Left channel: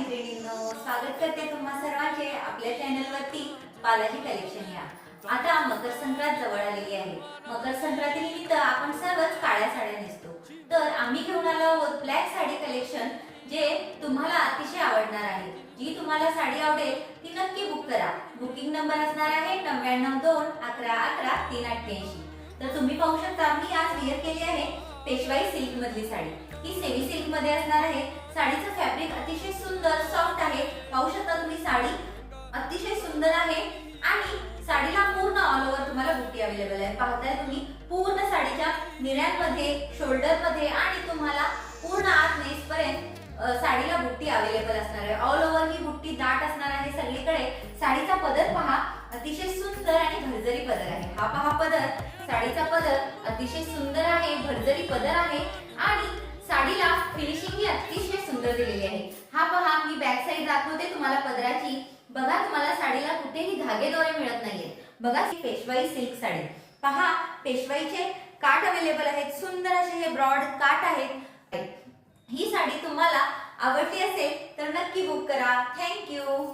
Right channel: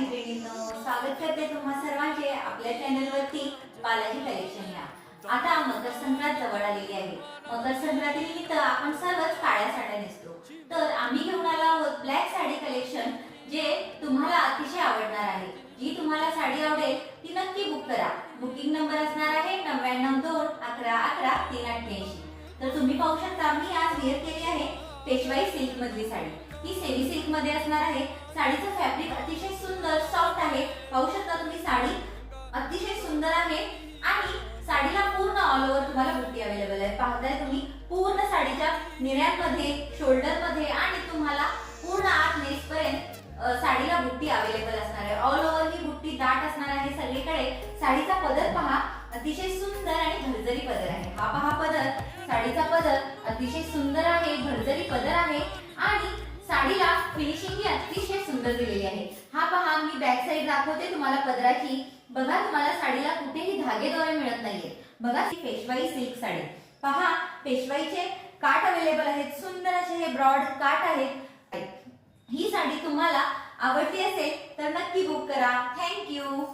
मैत्रिणींनो, स्वागत करते तुम्हा सर्वांचे आपल्या चॅनलवरती बालाजी कलेक्शन या। आता मकर संक्रांत जवळ आलेली आहे। मकर संक्रांतीनिमित्त आपण सर्वच काळ्या साड्या नेसतो, तर आम्ही घेऊन आलो आहोत ब्लॅक साडी कलेक्शन, जे तुम्हाला अतिशय आवडणार आहे। जी तुम्हाला साडी आवडेल ती नक्की बुक करा। बुकिंग नंबर असणार आहे 9921111388। तर तुम्ही पाहू शकता मी आज वेअर केली आहे पेशवाई सिल्क मधली साडी। ही सेमी सिल्क मध्ये असणार आहे। साडीचं फॅब्रिक अतिशय सुंदर सॉफ्ट आहे। पाहू शकता तुम्ही साडी अतिशय सुंदर आहे आणि साडीला पूर्ण ऑल ओव्हर तुम्हाला बुट्टी अवेलेबल आहे। पाहताय तुम्ही पूर्ण साडीच्या निऱ्यांमध्ये, शोल्डर मध्ये आणि तुम्हाला पूर्ण आत नेस पर्यंत साडीला बुट्टी अवेलेबल असणार आहे। ऑल ओव्हर ही बुट्टी दाट असणार आहे सगळीकडे। साडीचा पदर पहा अतिशय सुंदर आणि भरजरी पदर आहे। हा पहा पदर, साडीचा पदर अतिशय सुंदर आहे, भरजरी पदर आहे आणि साडीला फिनिशिंग ही अतिशय सुंदर दिलेली आहे। हा पहा मी बॅक साइड दाखवते तुम्हाला पदराची। बघा तुम्हाला साडीला कुठेही धागेदोरे मिळत नाहीये। बघा ही पेशवाई सिल्क साडी, पहा पेशवाईचे काठ अवेलेबल आहेत। सुंदर असे हे ब्रॉड काठ आहेत। ही साडी तुम्हाला आवडली असेल तर नक्की बुक करा। Thank you.